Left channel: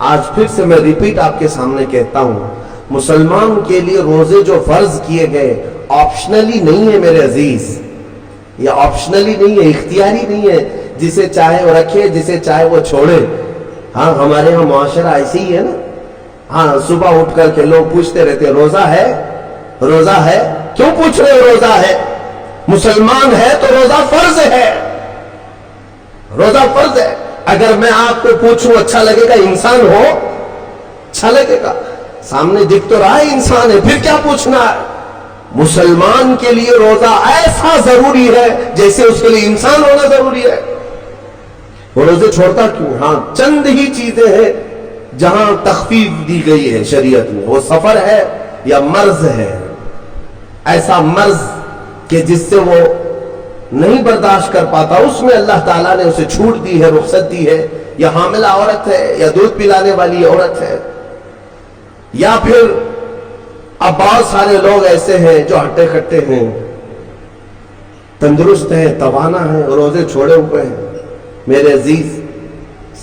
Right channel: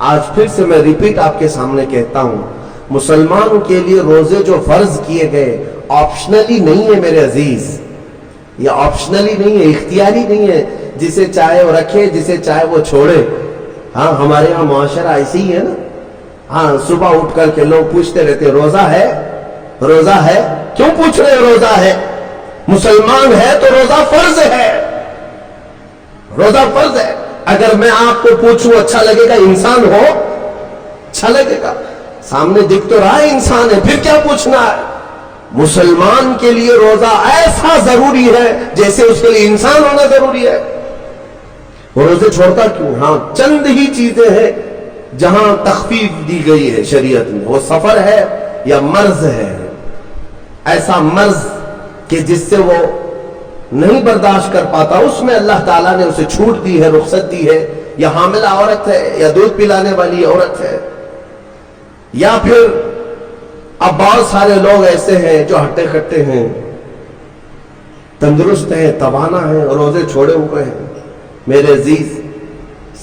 آج پھر سے میں ریپیٹ آپ کے سامنے کہتا ہوں، مسلمان کے لیے روزے جو فرض کیے گئے آپشنلی نہیں ہے میرے عزیز، یہ آپشنلی نہیں ہے، اختیاری نہیں ہے، جسے چاہے وہ رکھے جسے چاہے وہ چھوڑے۔ ہاں ہمارے ہاں معاشرہ ایسے ہی ہے نا، ہاں صبح اٹھ کر کے لوگ پوچھتے رہتے روزہ ہے روزہ ہے، کیوں پوچھ رہے ہو روزہ ہے؟ مسلمان ہے تو روزہ فرض ہے، روزہ فرض ہے۔ اگر میں آپ کو پوچھوں اچھا لگے گا؟ انسان ہو اچھا لگے گا، سامنے دکھ تو رہا ہے انسان ہے، پھر کیا پوچھنا ہے؟ مسلمان کے لیے روزہ ایسا ضروری ہے جیسے اس کے لیے انسان ہونا ضروری ہے۔ وہ روزے چھوڑتا کیوں؟ ہاں چند ہی چیزیں ہیں جہاں تخفیف دی گئی ہے شریعت میں، وہ سفر ہے یا مرض ہے، ایسا مرض کہ جس سے وہ نہیں برداشت کر پاتا، اس میں اللہ تعالیٰ نے اسے چھوٹ دی ہے، رخصت دی ہے، یا حاملہ عورت ہے یا دودھ پلانے والی عورت ہے، یا پھر اب بہت سارے لوگ ایسے ہیں جو ہٹے کٹے ہیں، تندرست ہیں، توانا ہیں، روزے چھوڑے ہوئے ہیں۔ میرے عزیز،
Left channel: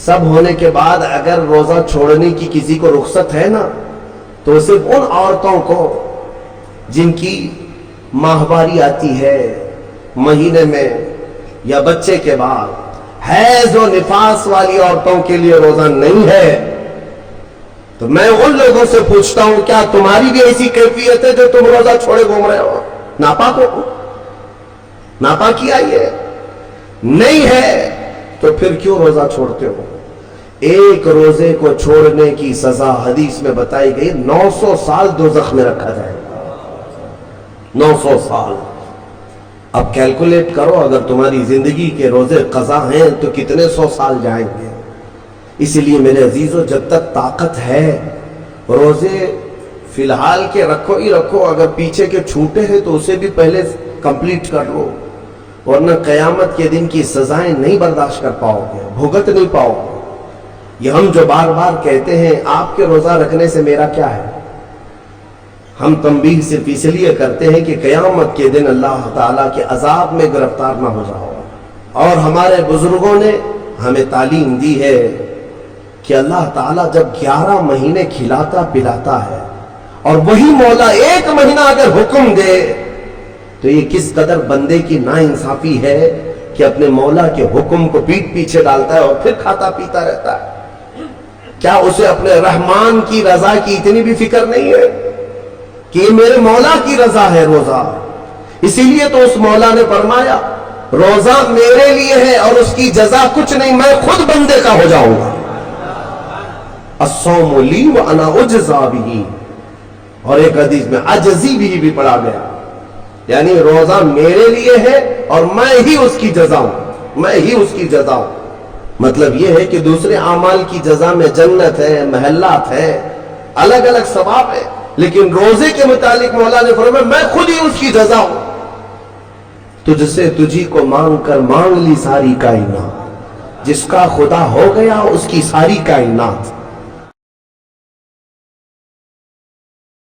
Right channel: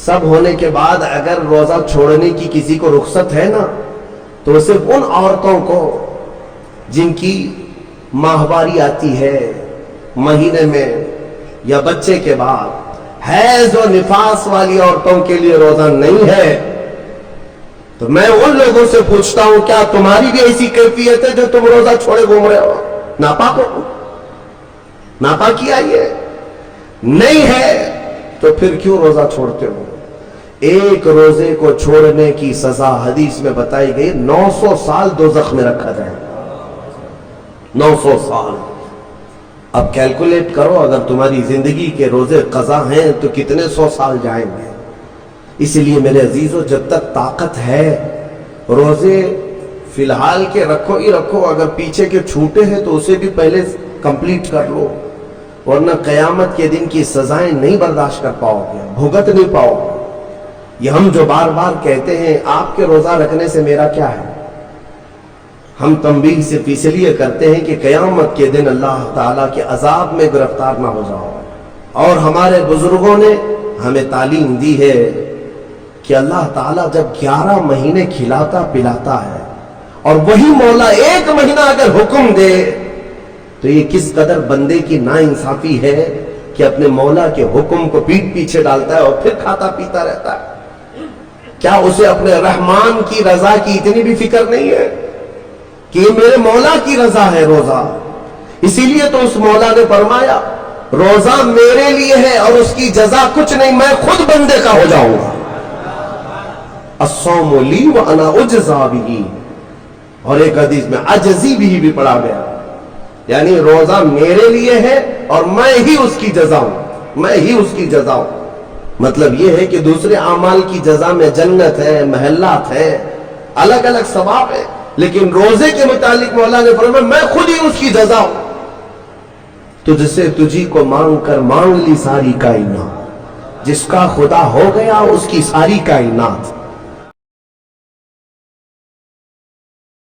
سب ہونے کے بعد اگر روزہ چھوڑنے کی کسی کو رخصت ہے نا، تو صرف ان عورتوں کو جن کی ماہواری آتی ہے مہینے میں یا بچے کے بعد، حیض و نفاس والی عورتوں کے لیے روزہ نہیں ہے۔ تو میں ان لوگوں سے پوچھتا ہوں، کیا تمہاری بھی ایسی کیفیت ہے جو تم روزہ چھوڑے گھوم رہے ہو؟ ناپاک ہو؟ ناپاکی آئی ہے؟ نہیں ہے تو پھر کیوں روزہ چھوڑتے ہو؟ ایک روزے کو چھوڑنے کی سزا حدیث میں بتائی گئی 900 سال دوزخ میں رکھا جائے گا۔ 900 سال۔ اب کیلکولیٹ کرو، اگر تمہاری زندگی کے روزے قضا ہیں تو کتنے 100 سال جائیں گے۔ اسی لیے میرے عزیزو، جب تک طاقت ہے روزے فی الحال کے رکھو ہی رکھو، اگر پیچھے کے چھوٹے ہیں تو اسے بھی پہلے کمپلیٹ کر لو، ورنہ قیامت کے دن کی سزائیں نہیں برداشت کر پاؤ گے، بھگت نہیں پاؤ گے۔ یہ ہم جو بار بار کہتے ہیں آپ کے روزہ رکھنے سے میرا کیا ہے، ہم تنبیہ صرف اس لیے کرتے ہیں کہ قیامت کے دن اللہ تعالیٰ کے عذاب میں گرفتار نہ ہو جاؤ۔ اور ہمارے بزرگوں نے ہمیں تعلیم دی ہے کہ اللہ تعالیٰ جب 11 مہینے کھلاتا پلاتا ہے، اور وہی مولا 1 مہینہ اگر حکم دے تو یہ کس قدر بندے کی ناانصافی ہے کہ اپنے مولا کے حکم کو پیٹ پیچھے ڈالتا ہے اور پھر کھاتا پیتا رہتا ہے۔ کیا اسے اپنے رحمان کی رضا کی اتنی بھی فکر نہیں ہے کہ یہ میرے مولا کی رضا ہے روزہ؟ اسی لیے تو اس مولا نے فرمایا روزہ میرے لیے ہے اور اس کی جزا کچھ نہیں، میں خود بندے کا ہو جاؤں گا۔ الصوم لی وانا اجزا بہ، اور ایک حدیث میں عجزی بھی پڑھا گیا، یعنی روزہ میرے لیے ہے اور میں ہی اس کی جزا ہوں، میں ہی اس کی جزا ہوں۔ مطلب یہ ہے کہ دوسرے اعمال کی جزا میں جنت ہے، محلات ہے، الگ الگ ثواب ہے، لیکن روزے کے متعلق مولا نے فرمایا میں خود ہی اس کی جزا ہوں۔ تجھ سے تجھی کو مانگ کر مانگ لی ساری کائنات، جس کا خدا ہو گیا اس کی ساری کائنات۔